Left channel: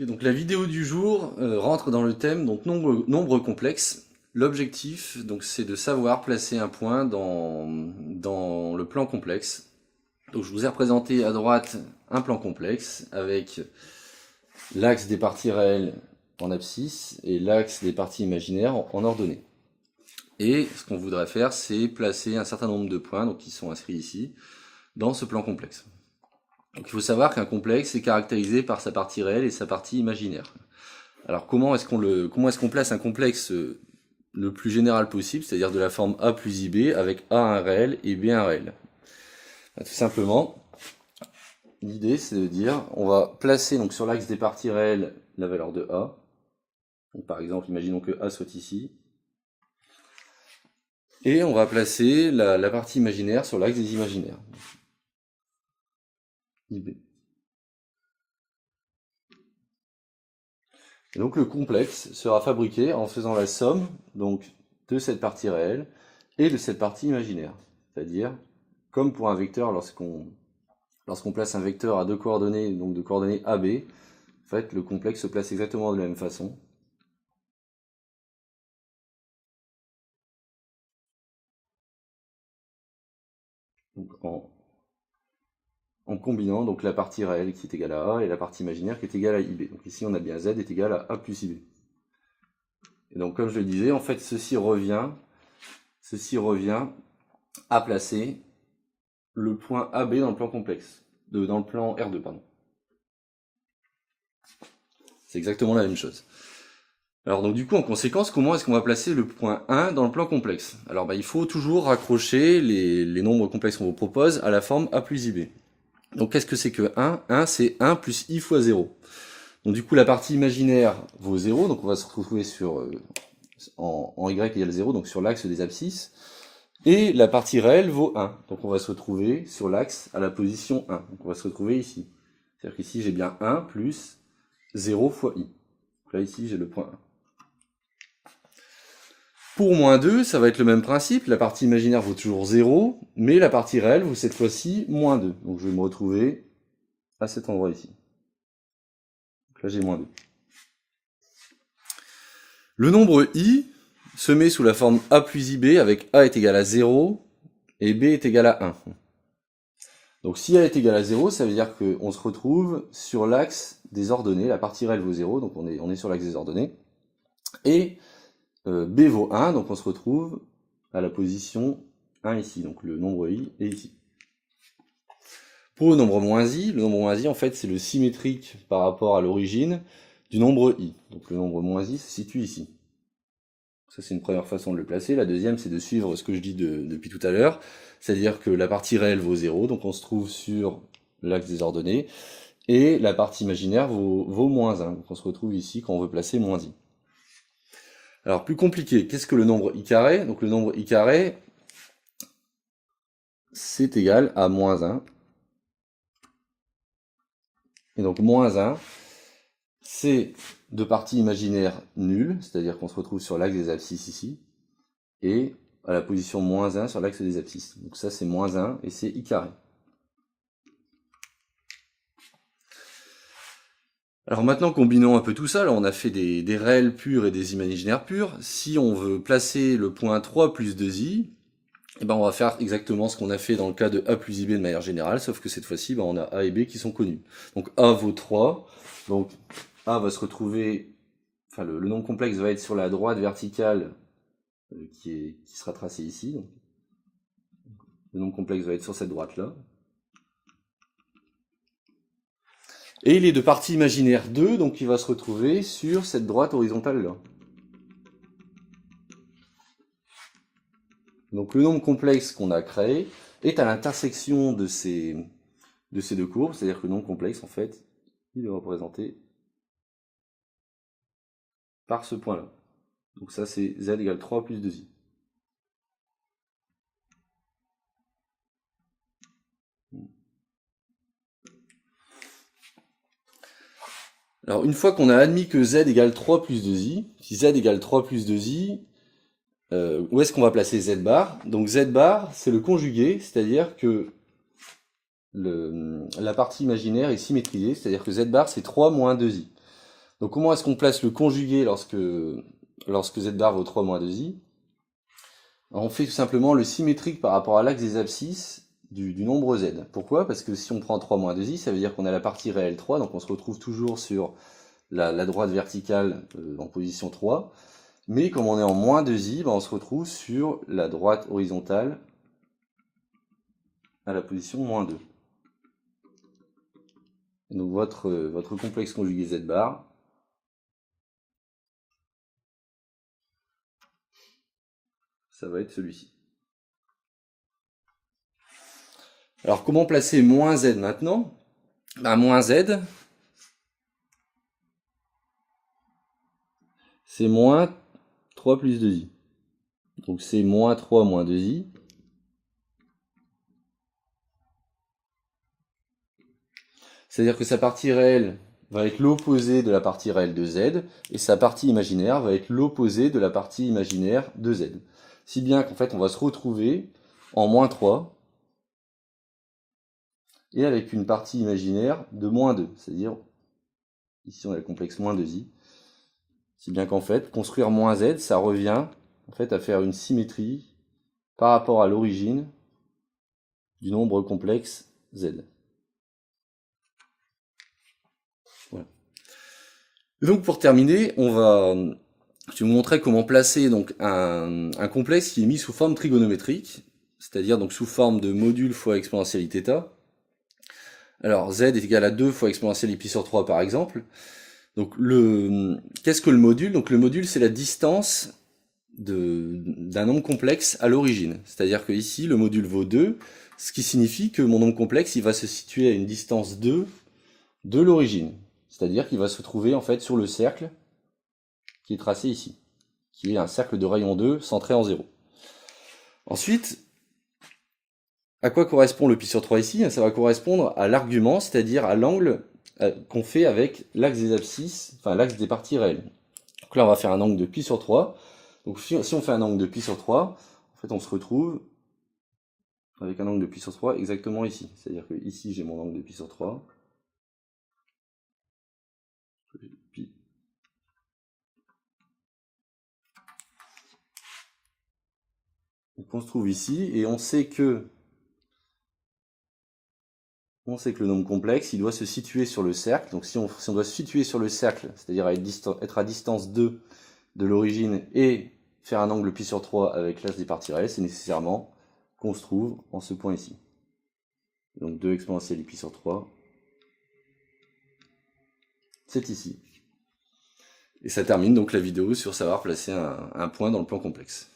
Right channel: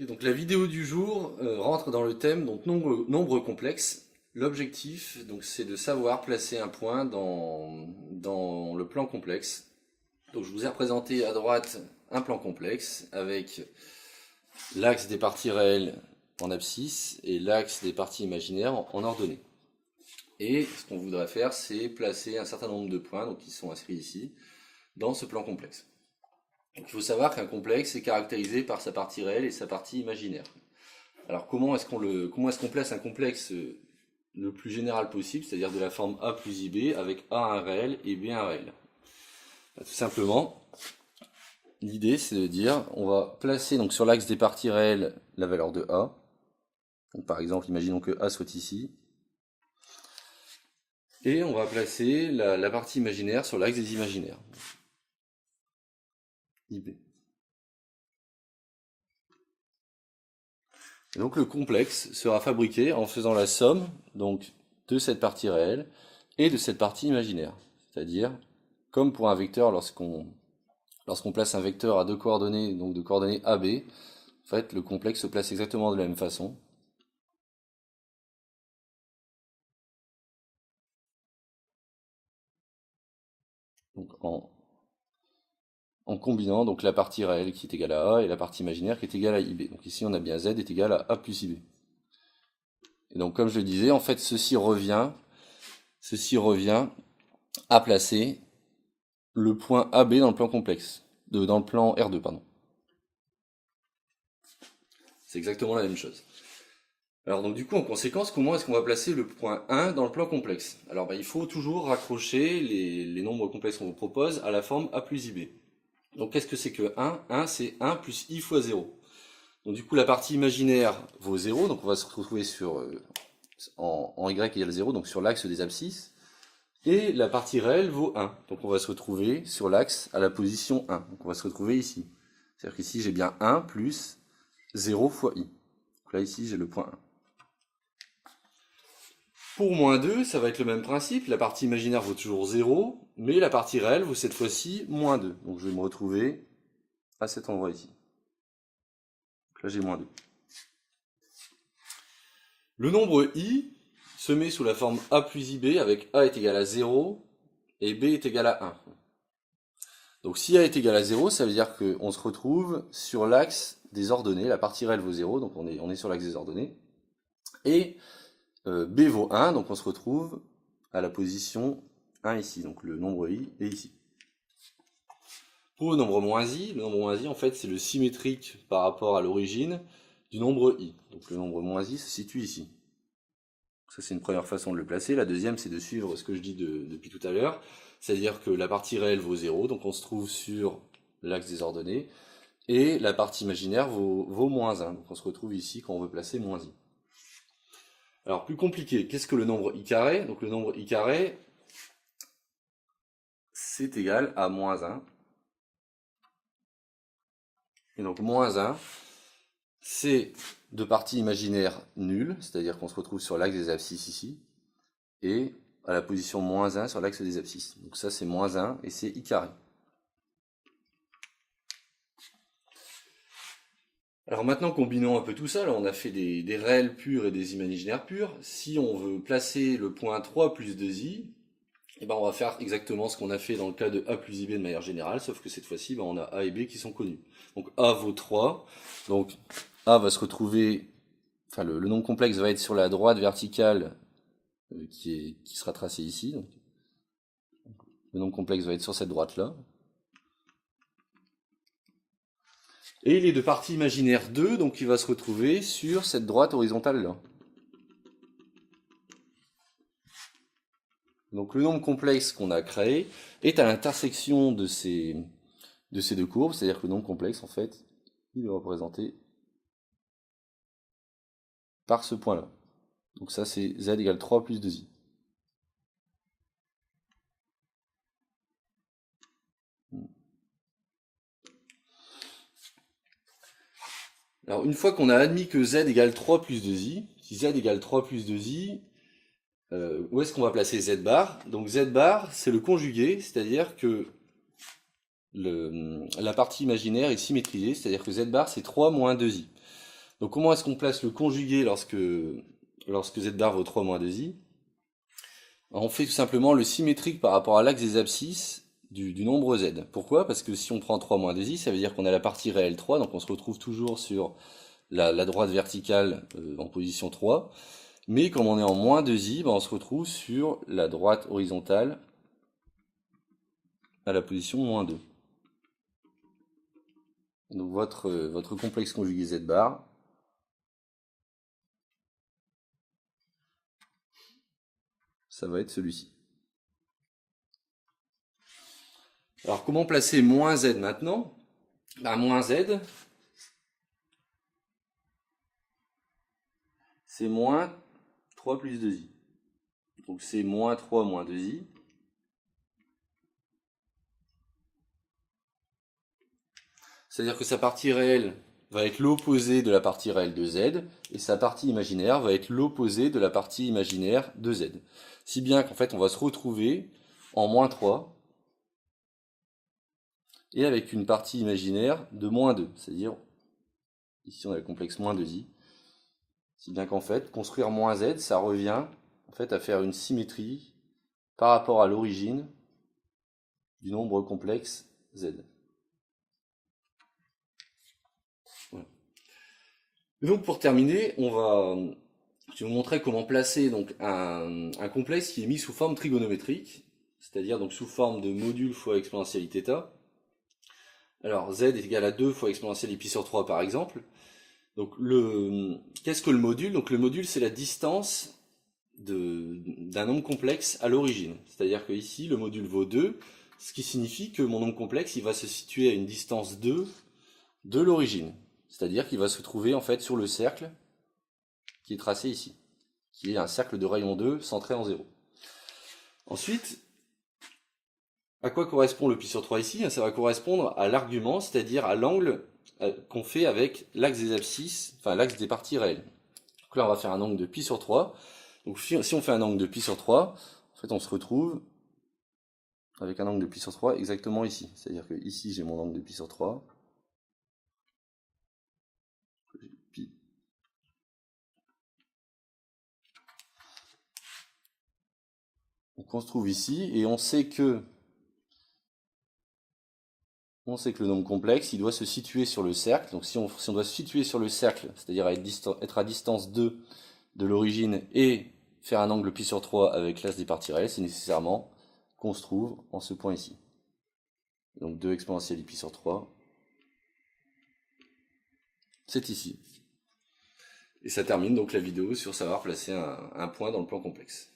Ok, donc la vidéo du jour rentre dans le thème donc nombre complexe. L'objectif donc c'est de savoir placer un point dans le plan complexe. Donc je vous ai représenté à droite un plan complexe avec l'axe des parties réelles en abscisse et l'axe des parties imaginaires en ordonnée. Et ce qu'on voudrait faire, c'est placer un certain nombre de points, donc qui sont inscrits ici, dans ce plan complexe. Donc il faut savoir qu'un complexe est caractérisé par sa partie réelle et sa partie imaginaire. Alors comment est-ce qu'on place un complexe le plus général possible, c'est-à-dire de la forme A plus IB avec A un réel et B un réel? Tout simplement, l'idée c'est de dire, on va placer donc sur l'axe des parties réelles la valeur de A. Donc par exemple, imaginons que A soit ici. Et on va placer la partie imaginaire sur l'axe des imaginaires. IB. Et donc le complexe sera fabriqué en faisant la somme donc, de cette partie réelle et de cette partie imaginaire. C'est-à-dire, comme pour un vecteur, lorsqu'on place un vecteur à deux coordonnées, donc de coordonnées AB, en fait, le complexe se place exactement de la même façon. Donc en combinant donc, la partie réelle qui est égale à A et la partie imaginaire qui est égale à IB. Donc ici on a bien Z est égal à A plus IB. Et donc comme je le disais, en fait ceci revient à placer le point AB dans le plan complexe, dans le plan R2, pardon. C'est exactement la même chose. Alors donc du coup en conséquence, comment est-ce qu'on va placer le point 1 dans le plan complexe? Alors il faut toujours raccrocher les nombres complexes qu'on vous propose à la forme A plus IB. Donc qu'est-ce que c'est que 1? 1 c'est 1 plus I fois 0. Donc du coup la partie imaginaire vaut 0, donc on va se retrouver sur en Y égale 0, donc sur l'axe des abscisses. Et la partie réelle vaut 1, donc on va se retrouver sur l'axe à la position 1. Donc on va se retrouver ici. C'est-à-dire qu'ici j'ai bien 1 plus 0 fois I. Donc là ici j'ai le point 1. Pour moins 2, ça va être le même principe. La partie imaginaire vaut toujours 0, mais la partie réelle vaut cette fois-ci moins 2. Donc je vais me retrouver à cet endroit ici. Donc là j'ai moins 2. Le nombre I se met sous la forme A plus IB avec A est égal à 0 et B est égal à 1. Donc si A est égal à 0, ça veut dire qu'on se retrouve sur l'axe des ordonnées. La partie réelle vaut 0, donc on est sur l'axe des ordonnées. Et B vaut 1, donc on se retrouve à la position 1 ici. Donc le nombre I est ici. Pour le nombre I en fait c'est le symétrique par rapport à l'origine du nombre I. Donc le nombre moins I se situe ici. Ça c'est une première façon de le placer. La deuxième c'est de suivre ce que je dis depuis tout à l'heure. C'est-à-dire que la partie réelle vaut 0, donc on se trouve sur l'axe des ordonnées. Et la partie imaginaire vaut moins 1, donc on se retrouve ici quand on veut placer moins I. Alors plus compliqué, qu'est-ce que le nombre I carré? Donc le nombre I carré, c'est égal à moins 1. Et donc moins 1, c'est de partie imaginaire nulle, c'est-à-dire qu'on se retrouve sur l'axe des abscisses ici, et à la position moins 1 sur l'axe des abscisses. Donc ça c'est moins 1 et c'est I carré. Alors maintenant, combinons un peu tout ça. Là, on a fait des réels purs et des imaginaires purs. Si on veut placer le point 3 plus 2i, eh ben on va faire exactement ce qu'on a fait dans le cas de A plus IB de manière générale, sauf que cette fois-ci, on a A et B qui sont connus. Donc A vaut 3, donc A va se retrouver, enfin le nombre complexe va être sur la droite verticale qui sera tracée ici. Donc, le nombre complexe va être sur cette droite-là. Et il est de partie imaginaire 2, donc il va se retrouver sur cette droite horizontale-là. Donc le nombre complexe qu'on a créé est à l'intersection de ces deux courbes, c'est-à-dire que le nombre complexe, en fait, il est représenté par ce point-là. Donc ça, c'est z égale 3 plus 2i. Alors une fois qu'on a admis que z égale 3 plus 2i, si z égale 3 plus 2i, où est-ce qu'on va placer z bar? Donc z bar, c'est le conjugué, c'est-à-dire que la partie imaginaire est symétrisée, c'est-à-dire que z bar c'est 3 moins 2i. Donc comment est-ce qu'on place le conjugué lorsque z bar vaut 3 moins 2i? On fait tout simplement le symétrique par rapport à l'axe des abscisses du nombre z. Pourquoi? Parce que si on prend 3 moins 2i, ça veut dire qu'on a la partie réelle 3, donc on se retrouve toujours sur la droite verticale en position 3. Mais comme on est en moins 2i, on se retrouve sur la droite horizontale à la position moins 2. Donc votre complexe conjugué z bar, ça va être celui-ci. Alors comment placer moins z maintenant? Moins z, c'est moins 3 plus 2i. Donc c'est moins 3 moins 2i. C'est-à-dire que sa partie réelle va être l'opposé de la partie réelle de z, et sa partie imaginaire va être l'opposé de la partie imaginaire de z. Si bien qu'en fait on va se retrouver en moins 3, et avec une partie imaginaire de moins 2, c'est-à-dire, ici on a le complexe moins 2i, si bien qu'en fait, construire moins z, ça revient en fait à faire une symétrie par rapport à l'origine du nombre complexe z. Voilà. Donc pour terminer, je vais vous montrer comment placer donc un complexe qui est mis sous forme trigonométrique, c'est-à-dire donc sous forme de module fois exponentielle θ. Alors z est égal à 2 fois exponentielle pi sur 3 par exemple. Donc qu'est-ce que le module? Donc le module, c'est la distance d'un nombre complexe à l'origine. C'est-à-dire que ici, le module vaut 2, ce qui signifie que mon nombre complexe, il va se situer à une distance 2 de l'origine. C'est-à-dire qu'il va se trouver en fait sur le cercle qui est tracé ici, qui est un cercle de rayon 2 centré en 0. Ensuite, à quoi correspond le pi sur 3 ici? Ça va correspondre à l'argument, c'est-à-dire à l'angle qu'on fait avec l'axe des abscisses, enfin l'axe des parties réelles. Donc là, on va faire un angle de pi sur 3. Donc si on fait un angle de pi sur 3, en fait on se retrouve avec un angle de pi sur 3 exactement ici. C'est-à-dire que ici j'ai mon angle de pi sur 3. Pi. Donc on se trouve ici et on sait que le nombre complexe, il doit se situer sur le cercle. Donc si on doit se situer sur le cercle, c'est-à-dire être à distance 2 de l'origine et faire un angle pi sur 3 avec l'axe des parties réelles, c'est nécessairement qu'on se trouve en ce point ici. Donc 2 exponentielle pi sur 3, c'est ici. Et ça termine donc la vidéo sur savoir placer un point dans le plan complexe.